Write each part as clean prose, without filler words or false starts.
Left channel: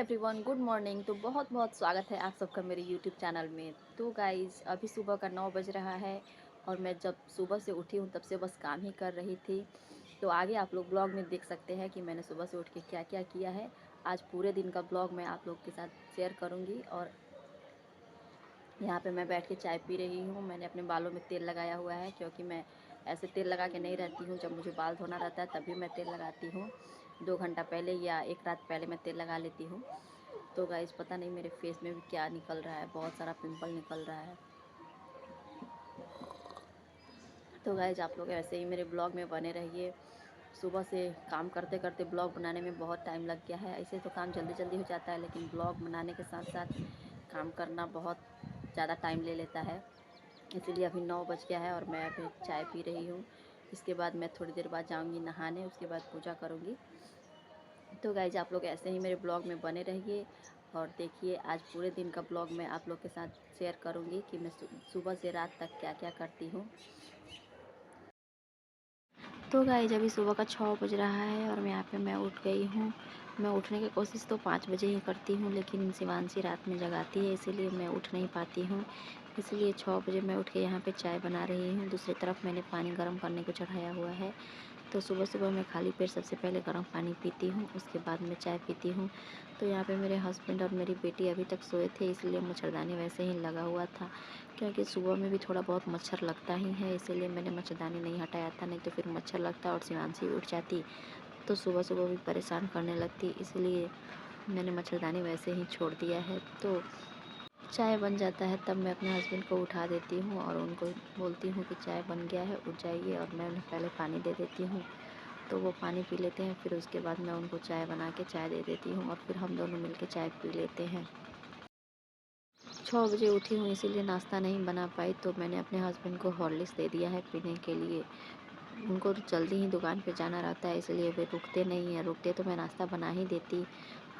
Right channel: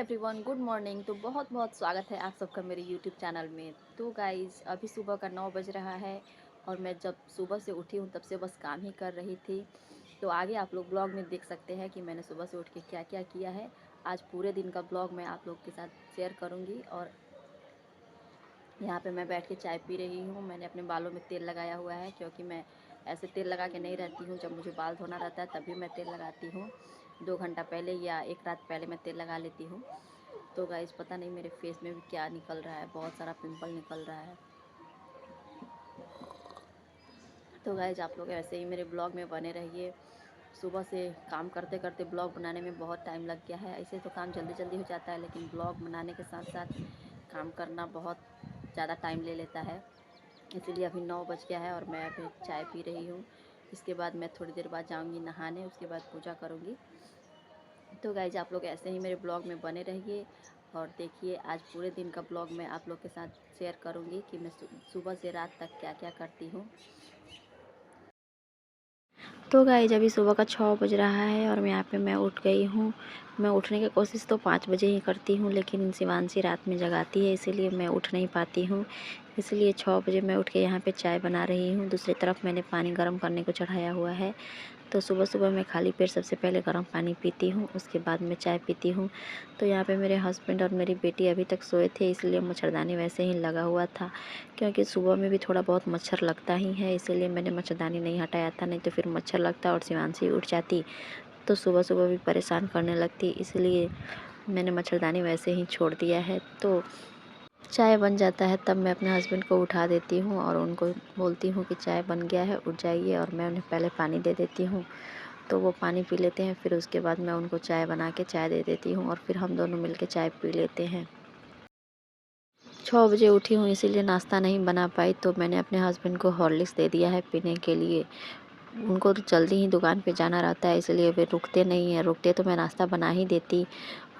Everyone, good morning. तो बहुत बहुत स्वागत है आप सबका मेरे यूट्यूब चैनल में। तो गाइज़, अभी सुबह का 9 बज रहा है और मैं जब सुबह से उठी हूँ तब से बस काम ही कर रही थी। तो आगे आप लोग ब्लॉग में देख सकते हैं कि मैंने सुबह से उठ के क्या क्या किया है। आज पूरे दिन का ब्लॉग मैं आप लोग के साथ शेयर करूँगी। और यहाँ पे मैं बैठ के चाय पी रही हूँ। मैंने अपने बालों में तेल लगाया हुआ है, क्योंकि मैं ऐसे तेल लगा के नहीं रहती हूँ। जब मुझे बाल धोना रहता है तभी मैं तेल लगाती हूँ। 2 घंटा पहले या 1 रात पहले मैं तेल लगा लेती हूँ। तो गाइज़, पता नहीं मेरे फेस में भी क्या निकल रहा है, बहुत सारा पिंपल निकल रहा है। तो गाइज़, आप लोग ऐसे ही मेरे ब्लॉग में बने रहिए। सुबह से काम करते करते ब्लॉग बनाने में बहुत टाइम लग गया है। ऐसे तो काम जल्दी जल्दी हो जाता है, लेकिन ब्लॉग बनाने के साथ साथ काम करना बहुत ज़्यादा टाइम ले लेता है। इसीलिए अभी 9 बज गया है और मैं अभी चाय पी रही हूँ। इसके बाद मैं थोड़ी देर बाद जाऊँगी नहाने, उसके बाद पूजा करूँगी। तो गाइज, आप लोग ऐसे ही मेरे ब्लॉग में बने रहिए और देखिए आज पूरे दिन का ब्लॉग मैं आप लोग के साथ शेयर करूँगी कि मैं सुबह से रात तक क्या क्या करती हूँ। तो गाइज, अभी सुबह का 6 बज रहा है और मैं उठ गई हूँ। मैं उठने की कोशिश तो 5 बजे ही करती हूँ, लेकिन शिवांशी रात में जगाती है, इसीलिए मैं उठ नहीं पाती हूँ। इसलिए 6 बजे मैं उठ के यहाँ पे चाय बना रही हूँ। दूसरी तरफ मैंने पानी गर्म करने को चढ़ाया हुआ है। तो सुबह सुबह मैं खाली पेट सबसे पहले गर्म पानी पीती हूँ, उसके बाद मैं चाय पीती हूँ। तो यहाँ पे मेरे हस्बैंड और मेरी बेटी अभी तक सोए थे, इसलिए मच्छरदानी वैसे ही लगा हुआ था, क्योंकि सुबह में भी थोड़ा बहुत मच्छर लगता ही है, इसीलिए मैंने मच्छरदानी नहीं हटाया था। नहीं तो फिर मच्छर लगता और शिवांशी उठ जाती तो सुबह सुबह भी परेशान करने लगती, इसलिए मैंने मच्छरदानी वैसे ही छोड़ दिया है। तो चाय बन जाता है तब मैं अपने हस्बैंड को उठा देती हूँ और उनको बोलती हूँ कि चाय बन गया है, उठ जाइए, और मैं उन्हें पहले पानी दे देती हूँ। तो वो पानी पी लेते हैं, फिर उसके बाद मैं उनको चाय बना के चाय दे देती हूँ और फिर हम दोनों मिलकर चाय पी लेते हैं। 6 बजे उठी हूँ, इसीलिए नाश्ता नहीं बना पाई, तो मैंने अपने हस्बैंड को हॉर्लिक्स दे दिया है पीने के लिए। उनको तो जल्दी ही दुकान पे जाना रहता है, इसलिए वे रुकते नहीं हैं। रुकते तो मैं नाश्ता बना ही देती,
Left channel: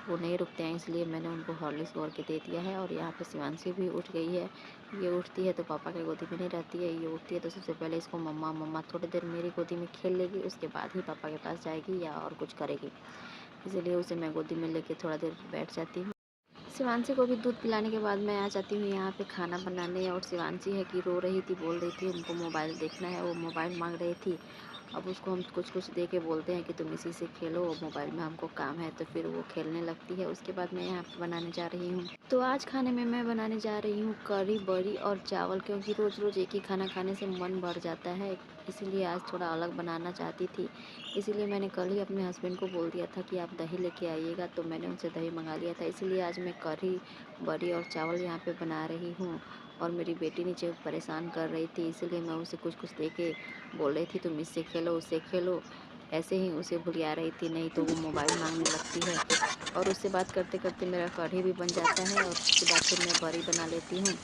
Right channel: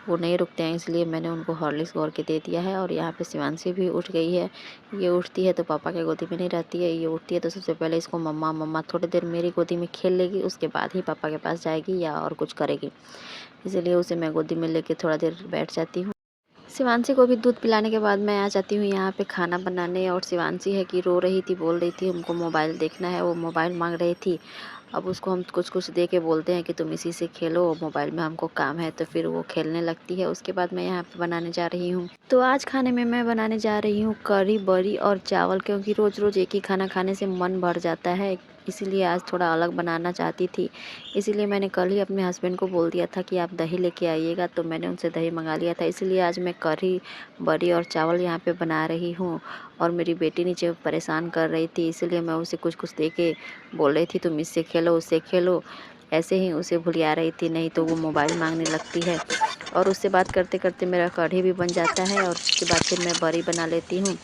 वो नहीं रुकते हैं, इसलिए मैंने उनको हॉर्लिक्स घोर के दे दिया है। और यहाँ पे शिवांशी भी उठ गई है। ये उठती है तो पापा के गोदी में नहीं रहती है, ये उठती है तो सबसे पहले इसको मम्मा मम्मा थोड़ी देर मेरी गोदी में खेल लेगी, उसके बाद ही पापा के पास जाएगी या और कुछ करेगी। इसीलिए उसे मैं गोदी में लेके थोड़ा देर बैठ जाती हूँ। शिवांशी को भी दूध पिलाने के बाद मैं आ जाती हूँ यहाँ पे खाना बनाने। और शिवांशी है कि रो रही थी, बोल रही थी हमको मोबाइल देखना है, वो मोबाइल मांग रही थी। अब उसको हम कुछ कुछ दे के बोलते हैं कि तुम इसी से खेलो, मोबाइल में हमको काम है, तो फिर वो खेलने लगती है। उसके बाद मैं यहाँ पे बनाने जा रही हूँ। तो आज खाने में मैं बनाने जा रही हूँ कढ़ी बड़ी और चावल, क्योंकि रोज़ रोज़ एक ही खाना खाने से मन भर जाता है, इसीलिए आज थोड़ा अलग बनाना चाहती थी। इसीलिए मैंने कल ही अपने हस्बैंड को बोल दिया था कि आप दही लेके आइएगा, तो मैंने उनसे दही मंगा लिया था। इसलिए आज मैं कढ़ी बड़ी और चावल यहाँ पे बना रही हूँ। और मेरी बेटी नीचे परेशान कर रही थी, इसीलिए मैं उसे कुछ कुछ दे के बोल रही थी तुम इससे खेलो उससे खेलो, ऐसे ही उसे भुलिया रही थी, नहीं तो वो मोबाइल मांगने लगती है। और उससे बात करते करते मेरा कढ़ी भी बन जाता है और उसके बाद फिर मैं बड़ी बना लेती हूँ।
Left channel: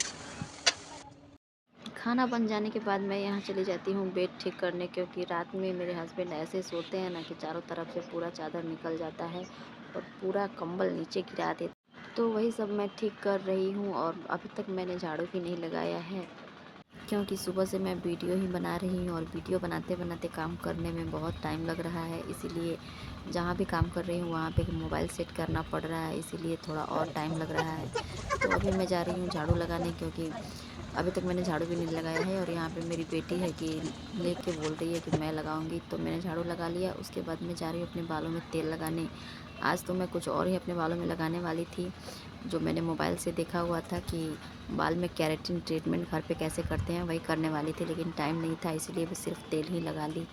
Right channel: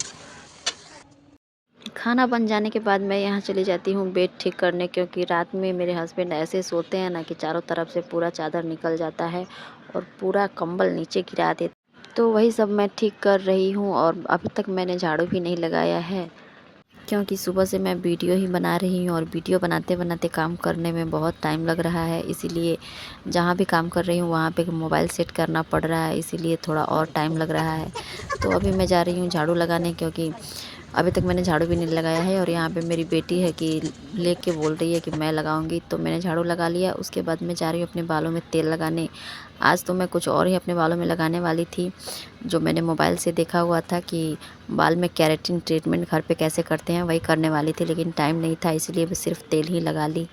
खाना बन जाने के बाद मैं यहाँ चली जाती हूँ बेड ठीक करने, क्योंकि रात में मेरे हस्बैंड ऐसे सोते हैं ना कि चारों तरफ से पूरा चादर निकल जाता है और पूरा कंबल नीचे गिरा देते। तो वही सब मैं ठीक कर रही हूँ और अभी तक मैंने झाड़ू भी नहीं लगाया है, क्योंकि सुबह से मैं वीडियो ही बना रही हूँ और वीडियो बनाते बनाते काम करने में बहुत टाइम लग रहा है। इसीलिए जहाँ भी काम कर रही हूँ वहाँ पे मोबाइल सेट करना पड़ रहा है, इसीलिए थोड़ा और टाइम लग रहा है। तो अभी मैं जा रही हूँ झाड़ू लगाने, क्योंकि अभी तक मैंने झाड़ू भी नहीं लगाया है। और यहाँ पे मेरी बेटी है कि लेके बोल रही है कि मैं लगाऊंगी, तो मैंने झाड़ू लगा लिया। उसके बाद मैं जा रही हूँ अपने बालों में तेल लगाने। आज तो मैं कुछ और ही अपने बालों में लगाने वाली थी, जो मैंने मोबाइल से देखा हुआ था कि बाल में केराटिन ट्रीटमेंट घर पे कैसे करते हैं, वही करने वाली थी, लेकिन टाइम नहीं था, इसलिए मैं सिर्फ तेल ही लगा ली।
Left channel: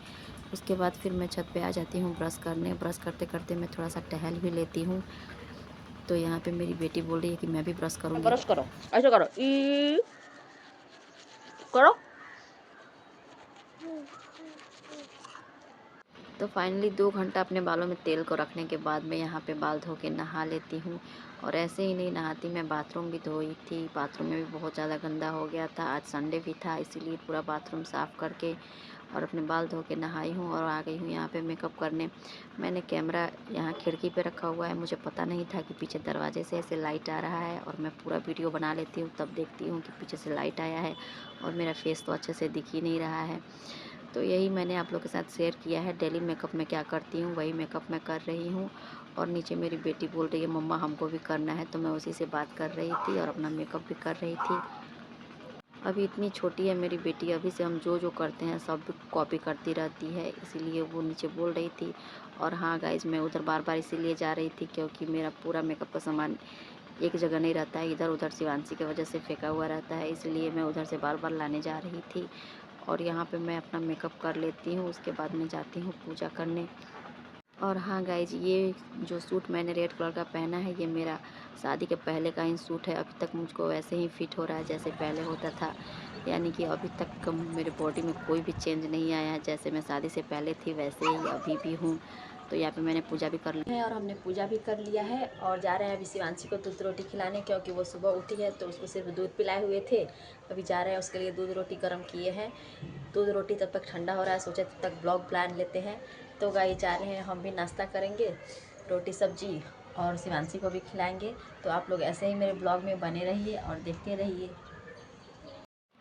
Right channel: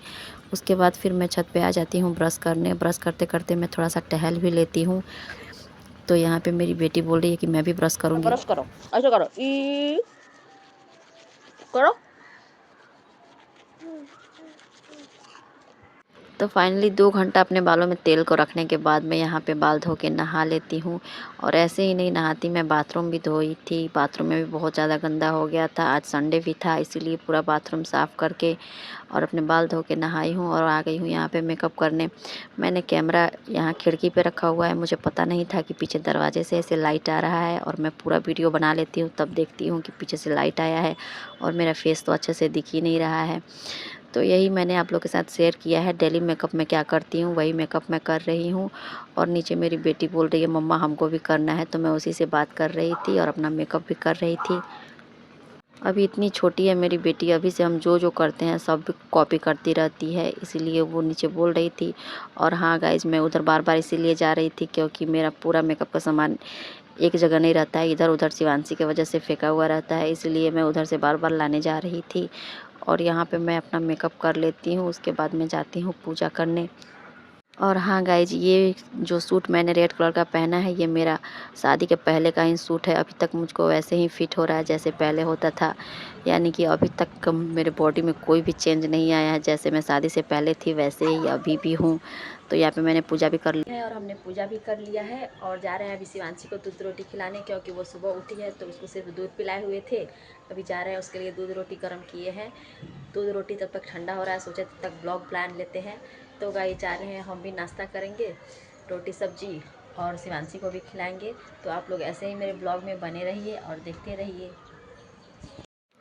उसके बाद फिर मैं छत पे आ जाती हूँ ब्रश करने। ब्रश करते करते मैं थोड़ा सा टहल भी लेती हूँ। तो यहाँ पे मेरी बेटी बोल रही है कि मैं भी ब्रश करूँगी। ब्रश करो, ऐसे करो, ई करो। तो फाइनली 2 घंटा अपने बालों में तेल को रखने के बाद मैं यहाँ पे बाल धो के नहा लेती हूँ। और ऐसे ही नहीं नहाती, मैं बाथरूम भी धोई थी। बाथरूम में भी बहुत ज़्यादा गंदा हो गया था, आज संडे भी था, इसीलिए पूरा बाथरूम साफ़ करके और अपने बाल धो के नहाई हूँ और आ गई हूँ यहाँ पे मेकअप करने। मैंने कैमरा यहाँ खिड़की पे रखा हुआ है, मुझे पता नहीं था कि पीछे दरवाजे से ऐसे लाइट आ रहा है, और मैं पूरा वीडियो बना लेती हूँ तब देखती हूँ कि पीछे से लाइट आया है और मेरा फेस तो अच्छे से दिख ही नहीं रहा है। तो यही मैंने आप लोग के साथ शेयर किया है। डेली मेकअप मैं क्या करती हूँ वही मेकअप मैं कर रही हूँ। और नीचे मेरी बेटी बोल रही है मम्मा हमको भी करना है, तो मैं उसी से बात कर रही थी और अपना मेकअप भी कर रही थी। अभी इतनी छोटी है मेरी बेटी, अभी से हम जो करते हैं सब कॉपी करती रहती है, इसीलिए वो नीचे बोल रही थी। और हाँ गाइज़, मैं उधर बार-बार इसीलिए जा रही थी क्योंकि मेरा पूरा मेकअप का सामान एक जगह नहीं रहता है, इधर-उधर शिवांशी की वजह से फेंका हुआ रहता है, इसलिए मैं उधर से बार-बार लाने जा रही थी। और यहाँ पे मैं अपना मेकअप कर लेती हूँ, उसके बाद मैं जाती हूँ पूजा करने। और हाँ गाइज़, ये जो सूट मैंने रेड कलर का पहना है, ये मेरा शादी के पहले का ही सूट है। अभी तक मुझको वैसे ही फिट हो रहा है जैसे पहले होता था। यानी कि अभी तक मेरे बॉडी में कोई भी चेंज नहीं आया है, जैसे मैं शादी से पहले थी वैसे ही अभी भी हूँ। तो यहाँ पे मैंने पूजा भी कर लिया है और हमने पूजा भी कर लिया है और जा रहे हैं अभी शिवांशी को दूध रोटी खिलाने, क्योंकि वो सुबह उठी है तो उसको सिर्फ दूध पिलाए हुए थे। अभी जा रहे हैं उसके लिए दूध रोटी गर्म किए हैं। दूध रोटी तब तक ठंडा हो रहा है, सोचे तब तक ब्लॉग प्लान लेते हैं। तो गाइस जा रहे हैं, हम भी नाश्ता करेंगे, रोटी सब्जी, और शिवांशी को भी खिलाएंगे। तो आप लोग ऐसे ही मेरे ब्लॉग में बने रहिए और देखते रहिए।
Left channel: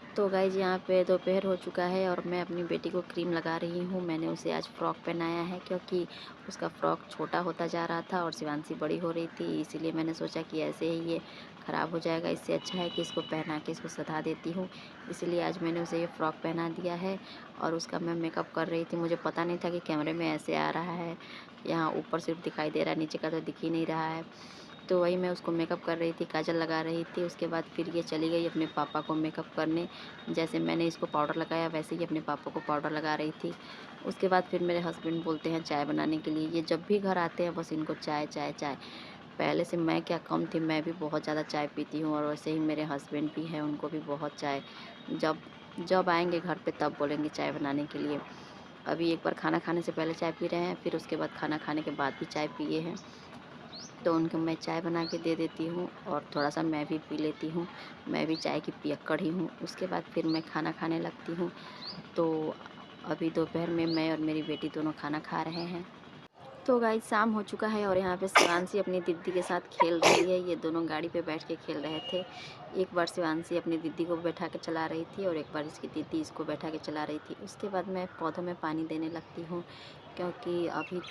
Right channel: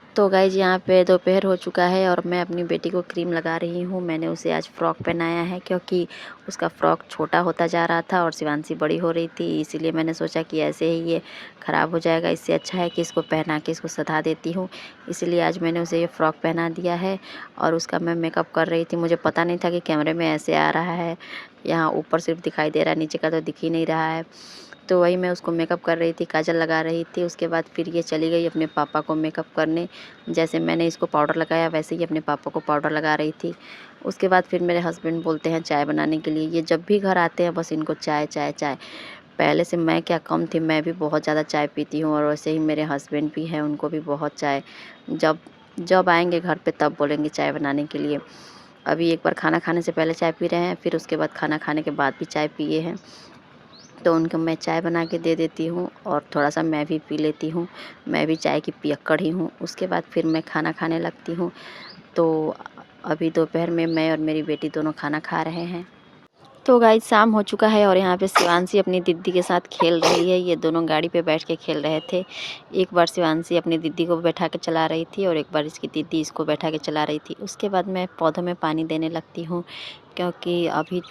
तो गाइज़ यहाँ पे दोपहर हो चुका है और मैं अपनी बेटी को क्रीम लगा रही हूँ। मैंने उसे आज फ़्रॉक पहनाया है क्योंकि उसका फ़्रॉक छोटा होता जा रहा था और शिवांशी बड़ी हो रही थी, इसीलिए मैंने सोचा कि ऐसे ही ये ख़राब हो जाएगा, इससे अच्छा है कि इसको पहना के इसको सधा देती हूँ। इसीलिए आज मैंने उसे ये फ़्रॉक पहना दिया है और उसका मैं मेकअप कर रही थी। मुझे पता नहीं था कि कैमरे में ऐसे आ रहा है, यहाँ ऊपर सिर्फ दिखाई दे रहा है, नीचे का तो दिख ही नहीं रहा है। तो वही मैं उसको मेकअप कर रही थी, काजल लगा रही थी। उसके बाद फिर ये चली गई अपने पापा को मेकअप करने। जैसे मैंने इसको पाउडर लगाया वैसे ही अपने पापा को पाउडर लगा रही थी। उसके बाद फिर मेरे हस्बैंड बोलते हैं चाय बनाने के लिए। ये जब भी घर आते हैं बस इनको चाय, चाय, चाय। पहले से मैं क्या कम थी, मैं भी बहुत ज़्यादा चाय पीती हूँ और वैसे ही मेरे हस्बैंड भी हैं, उनको भी बहुत चाय। जब जब आएँगे घर पे तब बोलेंगे चाय बनाने के लिए। अभी एक बार खाना खाने से पहले चाय पी रहे हैं, फिर उसके बाद खाना खाने के बाद भी चाय पिए हैं। तो उनको मैं चाय बना के दे देती हूँ और थोड़ा-सा मैं भी पी लेती हूँ। मैं भी चाय की पियक्कड़ ही हूँ। उसके बाद फिर मैं खाना खाने लगती हूँ। तो अभी दोपहर में मैं और मेरी बेटी दोनों खाना खा रहे हैं। तो गाइस शाम हो चुका है और यहाँ पे शिवांशी अपनी दीदी के साथ खेल रही है। ये दोनों गाड़ी पे बैठ के खेल रहे थे। एक बार शिवांशी अपनी दीदी को बैठा के चला रही थी और एक बार इसकी दीदी इसको बैठा के चला रही थी। उसके बाद मैं पौधों में पानी देने लगती हूँ क्योंकि अभी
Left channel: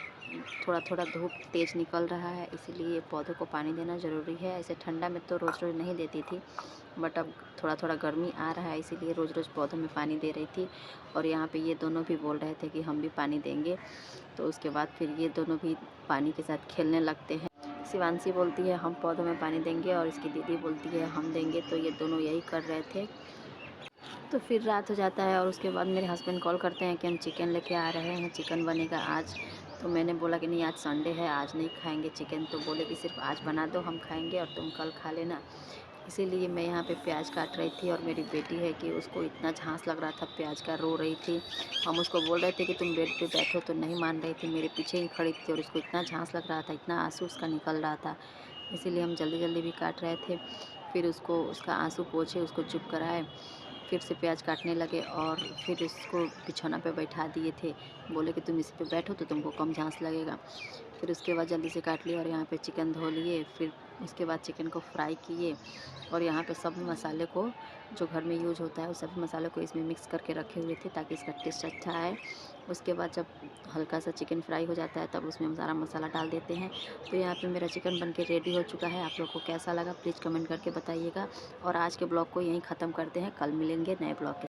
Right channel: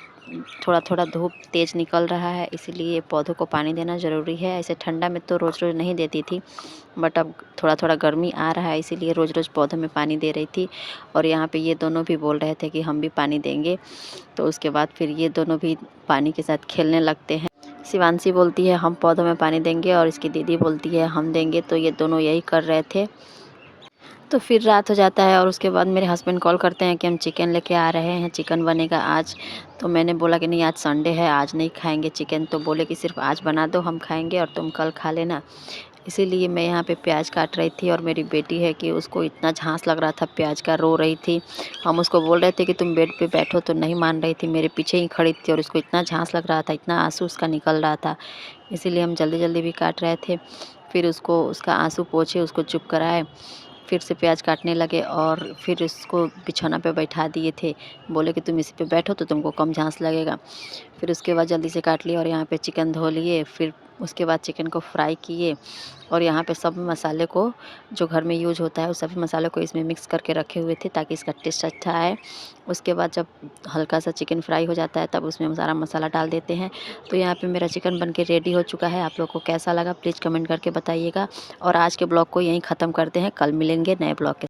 थोड़ा-थोड़ा धूप तेज़ निकल रहा है, इसीलिए पौधों को पानी देना ज़रूरी है। ऐसे ठंडा में तो रोज़-रोज़ नहीं देती थी, बट अब थोड़ा-थोड़ा गर्मी आ रहा है, इसीलिए रोज़-रोज़ पौधों में पानी दे रही थी। और यहाँ पे ये दोनों भी बोल रहे थे कि हम भी पानी देंगे। तो उसके बाद फिर ये दोनों भी पानी के साथ खेलने लगते हैं। शिवांशी बोलती है हम पौधों में पानी देंगे और इसकी दीदी बोलती है हम देंगे, तो ये दोनों यही कर रहे थे। तो फिर रात हो जाता है और उसके बाद मेरे हस्बैंड कॉल करते हैं कि हम चिकन लेके आ रहे हैं, चिकन बनेगा आज। तो मैंने बोला कि नहीं आज संडे है, आज नहीं खाएँगे चिकन। तो बोले कि सिर्फ़ आज बना दो, हम खाएँगे और तुम कल खा लेना। इसीलिए मैं यहाँ पे प्याज काट रही थी और मेरी बेटी है कि उसको इतना झांस लग रहा था प्याज का, रो रही थी। हम उसको बोल रहे थे कि तुम बेड पे बैठो, तो नहीं मान रही थी, मेरे पीछे ही खड़ी थी और उसको इतना झांस लग रहा था, इतना आंसू उसका निकल रहा था। इसीलिए हम जल्दी-जल्दी भी काट रहे थे। फिर उसको उसका आंसू पोंछे, उसको चुप कराए, फिर से प्याज काटने लगे और फिर इसको बिछौना पे बैठा दिए थे। बोले कि तुम इसी पे बैठो तो तुमको कम झांस लगेगा। फिर उसके बाद जल्दी से काट लिया और यहाँ पे चिकन धो लिए। फिर उसके बाद चिकन को फ्राई किए और यहाँ पे सब मसाले को जो घर में यूज़ होता है उस सभी मसालों को इसमें मिक्स करके रखे हुए थे ताकि इसका टेस्ट अच्छा आए। उसके बाद जब हल्का सा चिकन फ्राई हो जाता है तब उसमें सारा मसाला डाल देते हैं। तो यहाँ पे मेरा चिकन बन के रेडी हो चुका है। आप लोग को कैसा लगा प्लीज़ कमेंट करके बताइएगा और आज के ब्लॉग को यहीं ख़त्म करते हैं। कल मिलेंगे नए ब्लॉग के